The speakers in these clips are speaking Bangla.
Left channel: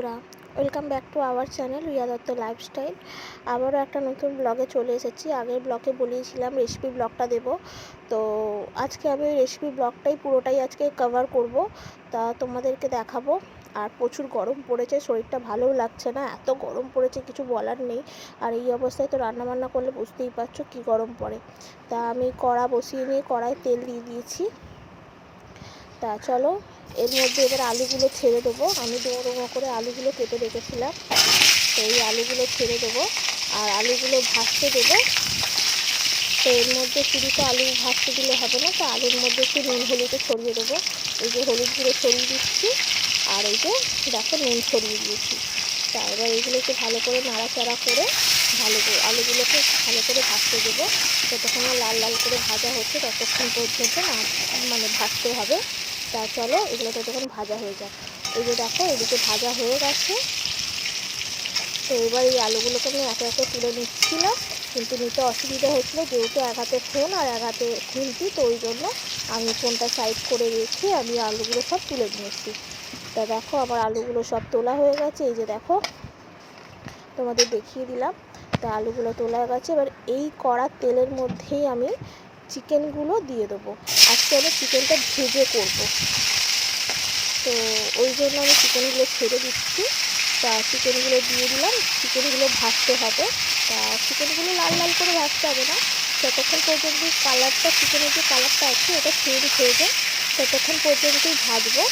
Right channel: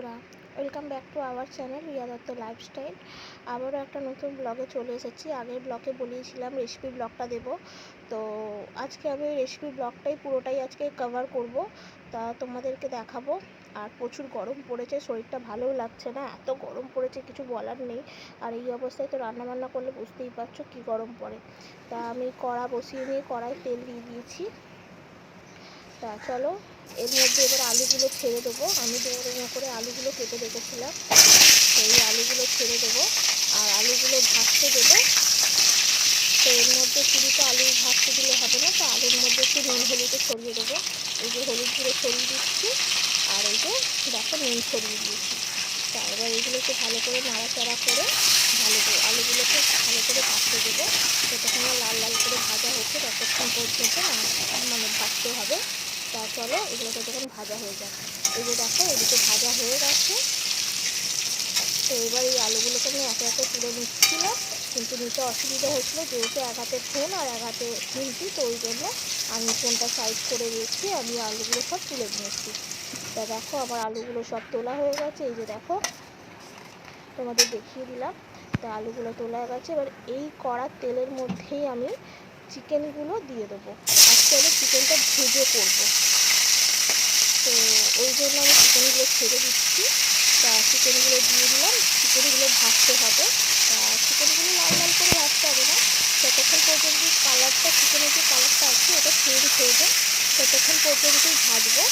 বন্ধুরা, welcome back to our channel Riya Dutta lifestyle. আবারও একটা নতুন ব্লগে চলে এসেছি। আগের ব্লগে বলেছিলাম রেসিপি ব্লগটা দেব, তো আজকে আমি রেসিপি ব্লগটাই পুরোটাই আজকে কভার করব, তা তোমাদেরকে দেখাবো। আর প্রচুর গরম পড়েছে, শরীরটা ভালোও লাগছে না, এত গরম পড়েছে কিছু বলার নেই। আর এই অবস্থায় তো রান্নাবান্না করলে বুঝতেই পারছো কী গরম পড়ে। তা আমি কড়া বসিয়ে নিয়ে কড়াই তেল দিয়ে দিয়েছি। তা চলো এর মধ্যে এবার আলুগুলো ছেড়ে দেবো। আমি ডুমো ডুমো করে আলুগুলো কেটে রেখেছিলাম, সেই আলুগুলো ছেড়ে দেবো আর আলুগুলো ভাজতে দেবো। তো এর মধ্যে শুধু তো আলু ভাজতে দিলে হবে না, তো আলুর মধ্যে একটু নুন হলুদও ছড়িয়ে দেবো। এই যে হলুদ গুঁড়ো ছড়িয়ে দিচ্ছি, আর এই যে দেখো নুন ছড়িয়ে দিয়েছি। তা এবার এইগুলোকে ভালো করে নাড়াচাড়া করে আলুগুলোকে ভালো করে ভাজতে দেবো। যতক্ষণ লাল লাল করে ভাজা হচ্ছে ততক্ষণ পর্যন্ত মানে ভাজতে হবে। তা চলো এগুলো ততক্ষণ ভাজা হয়ে যাক। এই যে দেখো এদিকে ভাজা হয়ে গেছে। তো এবার এই আলুগুলোকে আমি একে একে তুলে নিচ্ছিলাম, কিন্তু নিতে অসুবিধা হচ্ছিলো, যেহেতু এক হাতে ফোন আর এক হাতে খুন্তি, তো ওই জন্য আমি ফোনটা সাইড করে রেখে আমি আলুগুলো সব তুলে নিয়েছি। তা দেখো আমার আলুগুলো সব তোলা হয়ে গেছে। এই যে দেখো তোমাদের দেখিয়ে দিলাম। তা আলুগুলো তোলা গেছে। এবার এই কড়ার তেলের মধ্যেই আমি চিকেনগুলো দিয়ে দেবো। আজকে আমি চিকেনটা ভেজে করবো, তো ওই জন্য আমি চিকেনগুলো ছেড়ে দিচ্ছি। তা চিকেনগুলো দিয়ে দিলাম, চিকেনগুলো ভাজতে হবে। তা চিকেনগুলো লাল লাল করে ভাজতে হবে না, যতক্ষণ পর্যন্ত কালারটা চিকেনের যে কালারটা আছে ওটা চেঞ্জ হয়ে যায় ততক্ষণ পর্যন্তই ভাজবো।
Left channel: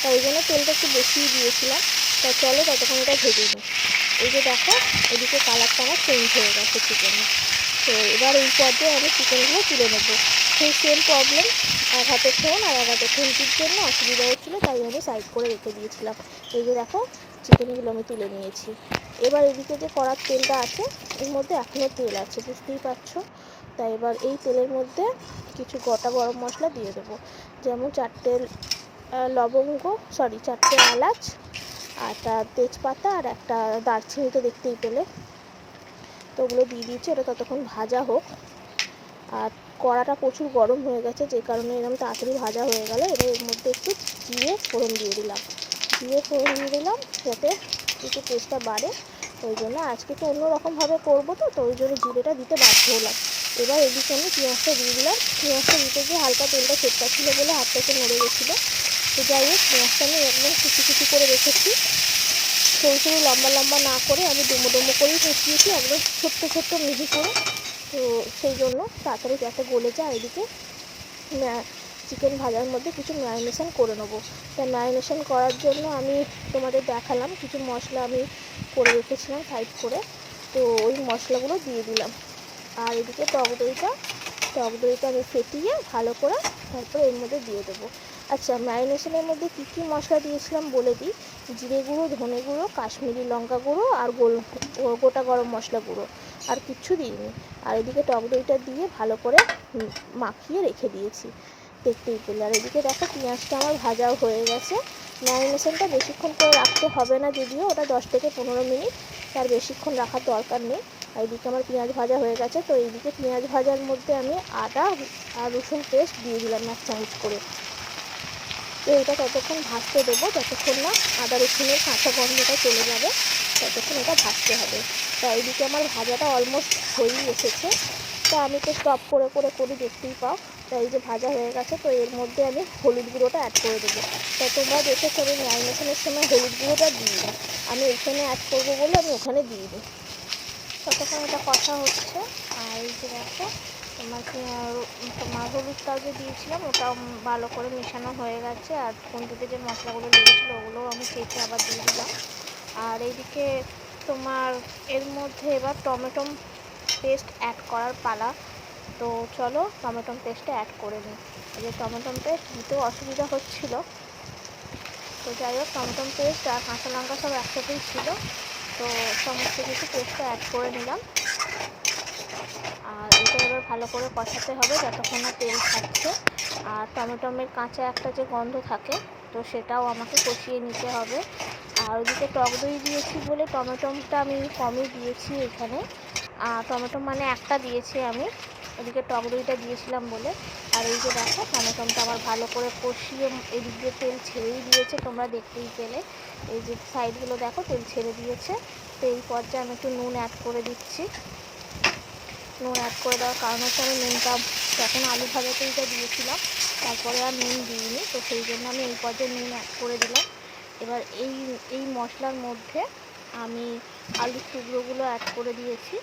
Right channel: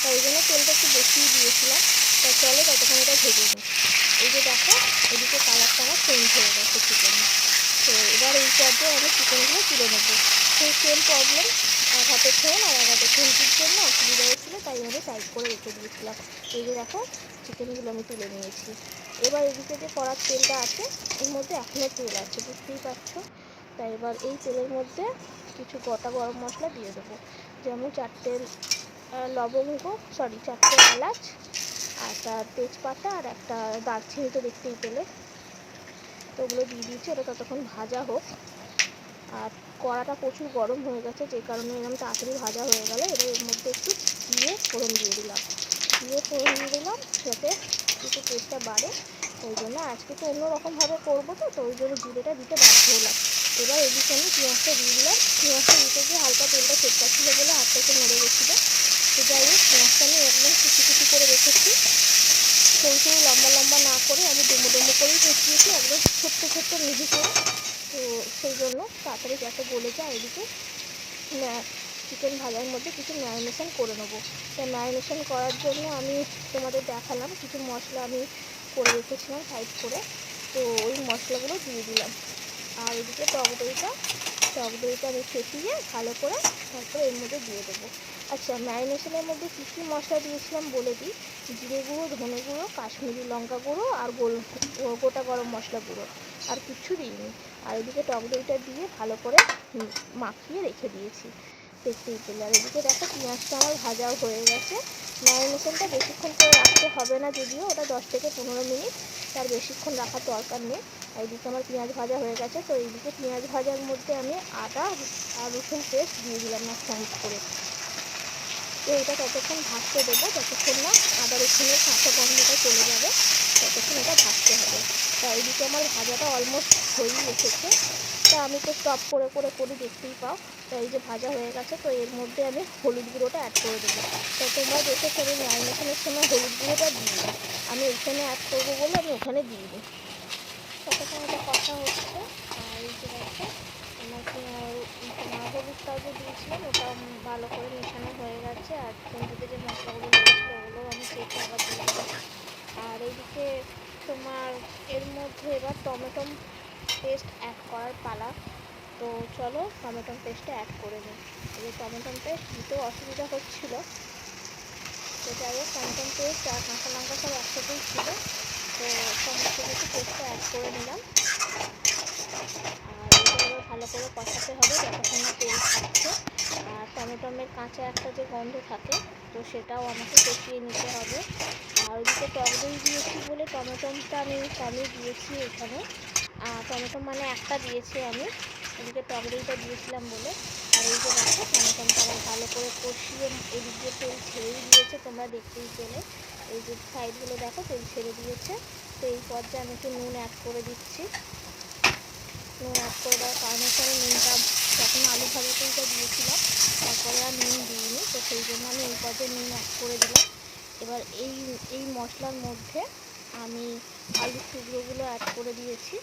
তা ওই জন্য তেলটা একটু বেশিই দিয়েছিলাম। তা চলো ততক্ষণ এটা ভেজে নিই। এই যে দেখো এদিকে কালারটা আমার চেঞ্জ হয়ে গেছে চিকেনের। তো এবার এই পর্যায়ে আমি চিকেনগুলো তুলে নেবো। সেই সেম প্রবলেম, এক হাতে ফোন আর এক হাতে খুন্তির জন্য অসুবিধা হচ্ছিলো, তাই আমি সাইড করে রেখে দিয়েছিলাম। এই যে দেখো চিকেনগুলো আমি তুলে নিয়েছি। এবার এদিকে যে কড়ার তেলটা আছে এর মধ্যে এখনও তেল আছে, বুঝতেই পারছো। তাই এবার এই তেলের মধ্যে কিছু গোটা গরম মশলা দিয়ে দেবো, যেমন 4টে চারটে এলাচ, আর তার তেজপাতা আর একটা দারচিনি, তো দেখতেই পেলে। তো ওগুলো দিয়ে দিয়েছি, এটা ততক্ষণ ভাজা হোক। আর কড়াটা প্রচুর গরম হয়ে গেছে, যে কারণে এরকম তাড়াতাড়ি ভাজা হয়ে গেল। এবার এর মধ্যে একটু জিরে ফোড়ন দিয়ে দিলাম, যাতে একটু টেস্টটা বাড়ে। ওই জন্য আজকে তো অন্যরকমভাবে করবো, তো ওই জন্য জিরেটা দিতে বাধ্য হলাম। এবার এদিকে আমি পেঁয়াজটা দিয়ে দিলাম। পেঁয়াজটা দিতে গিয়ে হালকা তেলটা চেপটা ছিল বলে হাতটাকে নড়ে গেছিলো। তো যাই হোক পেঁয়াজটা আমি একদম কুচি কুচি করে রেখেছি, সরু সরু লম্বা লম্বা না করে আমি ডুমো ডুমো করেই কুচিয়েছি, একদম ছোট্ট ছোট্ট মিহি করে। তো সেই জন্য তাড়াতাড়ি যাতে গলে যায়। এদিকে চিকেন ভাজার মধ্যে কিছু ম্যারিনেশন করে নেবো। তা ম্যারিনেশন করার জন্য আমি তোমাদের দেখালাম কিছু মশলা আমি করে রেখেছিলাম সাইড করে, তো ওই মশলাগুলো দিয়ে দিলাম। আর এদিকে টক দইটা আমি ফেটিয়ে ভালো করে তারপরে এর মধ্যে দিয়ে দেবো। আচ্ছা, ম্যারিনেশনের মধ্যে কী কী মশলা দিয়েছিলাম বলে দিই। জিরে গুঁড়ো, ধনে গুঁড়ো, কাশ্মীরি লঙ্কা গুঁড়ো আর গোটা গরম মশলা গুঁড়ো, আর কিচ্ছু দিইনি। আর এদিকে টক দইটা দিয়ে ভালো করে মাখিয়ে রেখে দিয়েছি, দেখতেই পেলে। আর এদিকে দেখো পেঁয়াজটা আমার ভাজাও হয়ে গেছে। ম্যারিনেশনটা বেশিক্ষণ করে রাখতে হবে না, যদিও ওটা 10 থেকে 15 মিনিট, তার বেশিক্ষণ রাখার দরকার নেই। আর এদিকে আমার পেঁয়াজ ভাজা হয়ে গেছে। তো এইদিকে পেঁয়াজ ভাজার মধ্যে আমি আদা আর রসুন পেস্ট দিয়ে দিলাম 1 চামচ করে। তো এটা ততক্ষণ ভাজতে দেবো যতক্ষণ না আদা রসুনের কাঁচা গন্ধটা চলে যাবে, ততক্ষণ এটা ভাজতে হবে। তা এইদিকে আমার ভাজাটা অলমোস্ট হয়েই এসেছে। তা আমি তো স্টপ করে করে করি, দেখতেই পাও। তা এই যে ভাজা হয়ে গেছে, তো এর মধ্যে আমি হলুদ গুঁড়োটা অ্যাড করে দেবো। তা তোমরা দেখেছো আমি ম্যারিনেশনের সময় হলুদ গুঁড়োটা দিয়ে দিই, আমি এখানে অ্যাড করবো বলে আমি ওখানে দিয়ে দিই। ততক্ষণ এটা কষা হচ্ছে। আর এই যে দেখো তোমার হলুদটাও যে দিয়েছিলাম ওটাও ভালো করে মেশানো হয়ে গেছে, আর খুন্তিতে যে মশলাগুলো লেগেছিলো ওগুলোও আমি চেখে আবার দিয়ে দিলাম। আর এইদিকে তোমার এর মধ্যে এবার টমেটো পেস্ট অ্যাড করার পালা। তো চলো টমেটো পেস্টটা অ্যাড করে নিই। এই যে টমেটো পেস্ট দিতেও অসুবিধা হচ্ছিলো, তো যাই হোক টমেটো পেস্ট আর কাঁচা লঙ্কা সব একসাথেই ছিল, তো সমস্ত কিছু পেস্টটা অ্যাড করে নিলাম। আর এটা এবার ভালো করে কষাতে হবে যতক্ষণ না তেল ছাড়ছে। আর টমেটোমের কাঁচা একটা যে গন্ধ থাকে, তো সেটাও আমাকে কষিয়ে নিতে হবে। আর ওদিকে টক দই দিয়েছি বলে টমেটোটা আমি কমই দিয়েছি এখানে। টমেটো মানে একটা দিয়েছি আমি, এদিকে টক দইটা দিয়েছিলাম বলে। আর এই যে দেখো টমেটোটা আমার ভালো করে কষিয়ে এদিক দিয়ে তেল ছেড়েই দিয়েছে, তোমরা দেখতেই পেলে। এই যে সাইডগুলো দেখো তেল ছেড়ে দিয়েছে। তো এই পর্যায়ে আমি একটু নুন অ্যাড করে দিচ্ছি। নুন অ্যাড করে দেওয়ার কারণ হচ্ছে আমি নুনটা যখন আলু ভাজাতেই দিয়েছিলাম, তারপরে আর নুন দিইনি, তো সেই জন্য আমি এই পর্যায়ে নুন অ্যাড করে দিলাম। এবার এই মশলার মধ্যে আমি আলুর টুকরোগুলো অ্যাড করে দিয়েছি।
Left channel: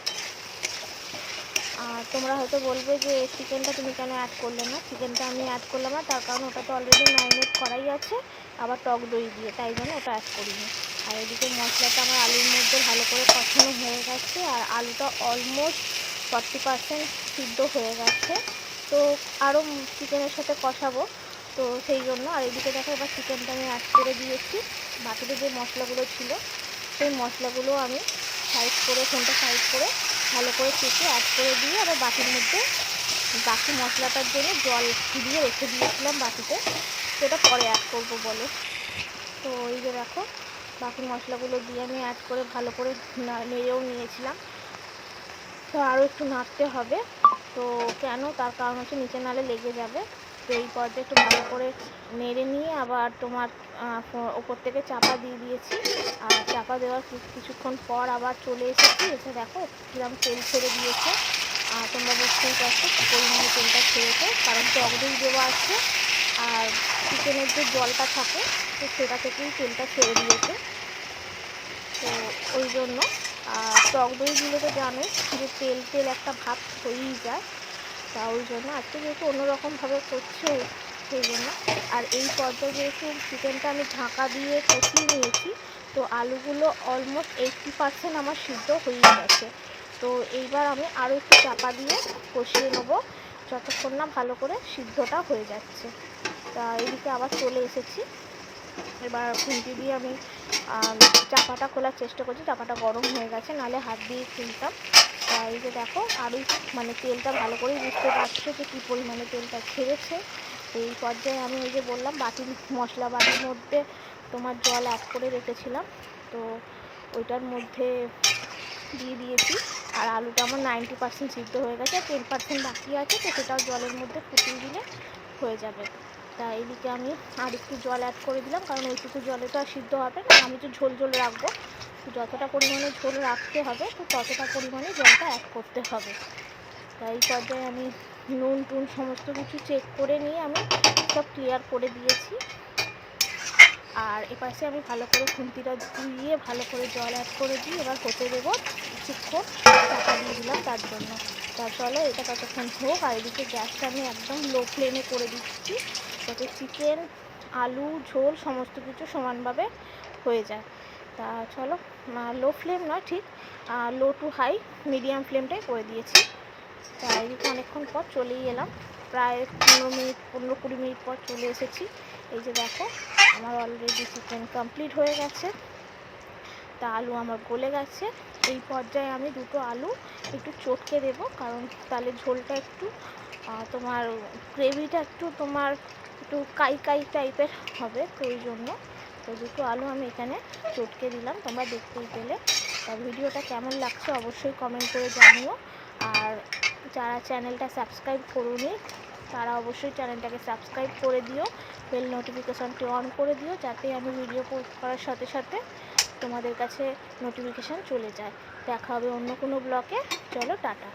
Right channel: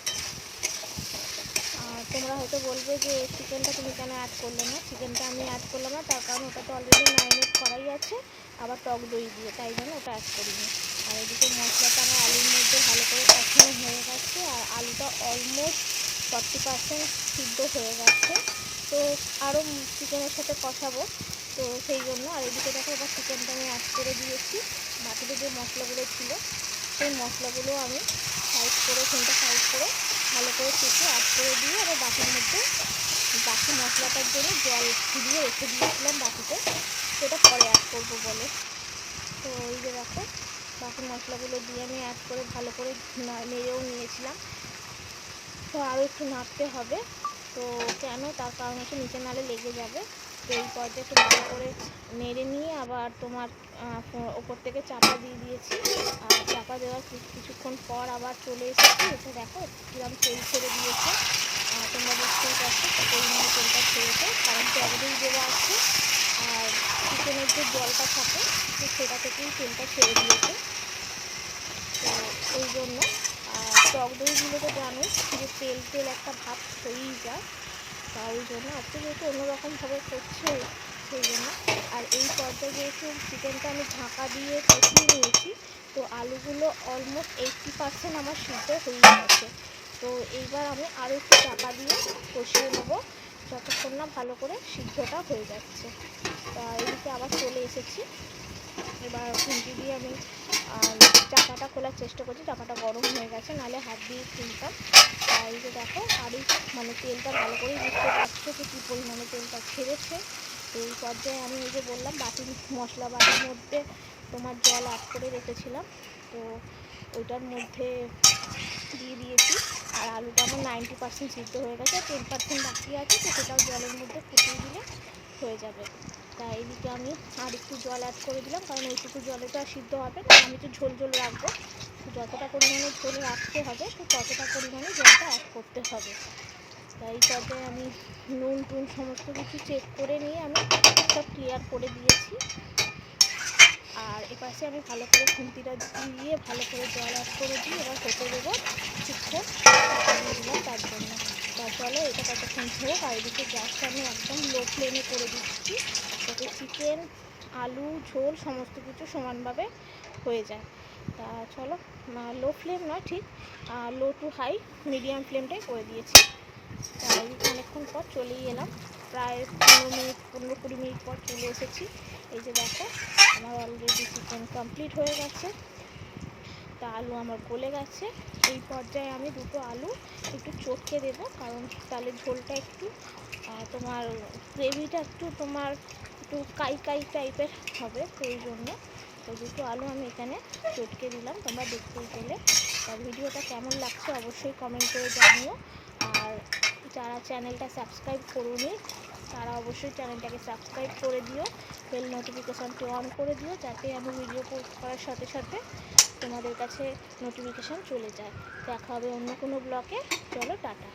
আর তোমরা হয়তো বলবে যে চিকেনটা তুমি কেন অ্যাড করলে না। চিকেনটা আমি অ্যাড করলাম না তার কারণ ওটা তো অলরেডি ম্যারিনেট করাই আছে, আবার টক দই দিয়ে, তাই জন্য ওটা অ্যাড করিনি। আর এদিকে মশলাটা আমার আলুর মধ্যে ভালো করে কষানো হয়ে গেছে, আর আলুটা অলমোস্ট 40% সিদ্ধ হয়ে গেছে। তো আরও চিকেনের সাথে কষাবো, তো সেই জন্য। আর এদিকে দেখো এবার চিকেনটা আমি অ্যাড করে দিয়েছি। বাকিতে যে মশলাগুলো ছিল সেই মশলাগুলো আমি ফোনটা সাইড করে ভালো করে চেপে অ্যাড করে দিয়ে আবার বাটির মধ্যে বাকি মশলাটার জন্য জল দিয়ে রেখে দিয়েছিলাম বাটিতে, সেটা পরে অ্যাড করবো বলে। তো এই যে দেখো বাকি মশলাগুলো দিয়ে আমি অ্যাড করে ভালো করে নেড়েও নিয়েছিলাম। তো আরও একটু নাড়তে হবে, তো কেন তার কারণ হচ্ছে নিচে নাড়লে লেগে যাবে। তো এই পর্যায়ে একটু ভালো করে নেড়ে নিয়ে আবার তোমার ওপর থেকে চাপা দিয়ে দিয়েছি। আর চাপা দেওয়ার কিছুক্ষণ পর আবার চলে এসেছি, এসে দেখো কিরম তেল ছেড়ে দিয়েছে। তোমরা বুঝতেই পারছো পরিমাণে তেলটা ছেড়েছে, কারণ টক দই দেওয়া আছে আর চিকেনের যে জলটা থাকে তো সেটা থেকেই তেলটা ছেড়ে দিয়েছে। তো ওই জন্য টক দই দিলে তো জানোই যে তেল তেল একটা ভাব হয়েই যায়, তা ওই জন্য আজকে যেহেতু অন্যরকমভাবে করছে সেই জন্য। আর এই পর্যায়ে যেহেতু চিকেনটা আমি ঢাকা দিয়ে কষিয়ে নিয়েছি, তো আলুগুলো অলমোস্ট 80% আমার সিদ্ধ হয়ে গেছে। তো এইবার আমি আরও একটু চাপা দিয়ে কষিয়ে নেবো যতক্ষণ না ভালো করে সিদ্ধটা হয়ে যাচ্ছে। তা এইদিকে আবার চলে এসেছি, এবার খুন্তি দিয়ে আমি চাপাটা খোলার চেষ্টা করছি। চাপাটা গরম হয়ে গেছে, নাহলে হাত দিয়ে খুলতাম। তা এই যে দেখো আরও মানে তেলটা ভালো করেই বুঝতে পারছো যে কী পরিমাণে তেলটা ছেড়েছে। তো এই পর্যায়ে আমি ওই যে বললাম মশলা বাটির মধ্যে তোমার জল অ্যাড করে রেখেছিলাম, তো ওইটার মধ্যে দিয়ে দিয়েছি। আর আলুটা আমার 90% সিদ্ধ হয়ে গেছে, 10% বাকি আছে, তো সেটাও জলের মধ্যে ফুটিয়ে দিলে হয়ে যাবে। তা এইদিকে আমি আর একটু জল অ্যাড করে দিলাম, কারণ ওইটুকু জলে তো আর সিদ্ধ হবে না, আমি তো ঝোল ঝোল রাখবো। তো যতটা পরিমাণে ঝোল রাখতে হবে তো ততটা পরিমাণে জলটা অ্যাড করতে হবে। তাই এই পর্যায়ে আমি নুন টুন সমস্ত কিছু চেক করে নিয়ে আমি সব ক্লিয়ার করে দিয়েছি। আর এপাশে আমি ভালো করে খুন্তিটা ধুইয়ে ভালো করে জল অ্যাড করে দিই, এবার হতে দেবো কিছুক্ষণ, চাপা দিয়ে দিলাম তার জন্য। তা চলো এটা ততক্ষণ হোক। আর এদিকে গ্যাসটা আমি একদম লো ফ্লেমে করে দিচ্ছি, যাতে চিকেন আলু ঝোল সমস্ত কিছু সমানভাবে হয়ে যায়। তা চলো, লো ফ্লেম নয়, ঠিক লো টু হাই মিডিয়াম ফ্লেমটাই করে দিয়েছি। তা এদিকে অনেকক্ষণ পর চলেই এলাম, প্রায় 15-20 মিনিট পর চলে এসেছি। এই যে দেখো আমার অলরেডি চিকেন কমপ্লিট হয়ে গেছে, তা আলু আমার গলে গেছে। এই পর্যায়ে আমি দুটো আলু একটু চটকে দেবো, কারণ তাহলে ঝোলটা একটু তোমার গ্রেভিটা একটু তোমার একটু কাই কাই টাইপের হবে, তো ওই জন্য তো দুটো আলু আমি এখানে চটকে দিলাম, তোমরা দেখতেই পেলে। তা ভিডিওটা কেমন লাগছে অবশ্যই কমেন্ট করে জানিও। আর যারা চ্যানেলটা সাবস্ক্রাইব করোনি তারা অবশ্যই চ্যানেলটাকে সাবস্ক্রাইব করে দিও, বেল নোটিফিকেশানটি অন করে দিও, যাতে আমি ভিডিও পোস্ট করার সাথে সাথে তোমাদের কাছে নোটিফিকেশান চলে যায়। দেখা হবে অন্য কোনো ব্লগে, চলো টাটা।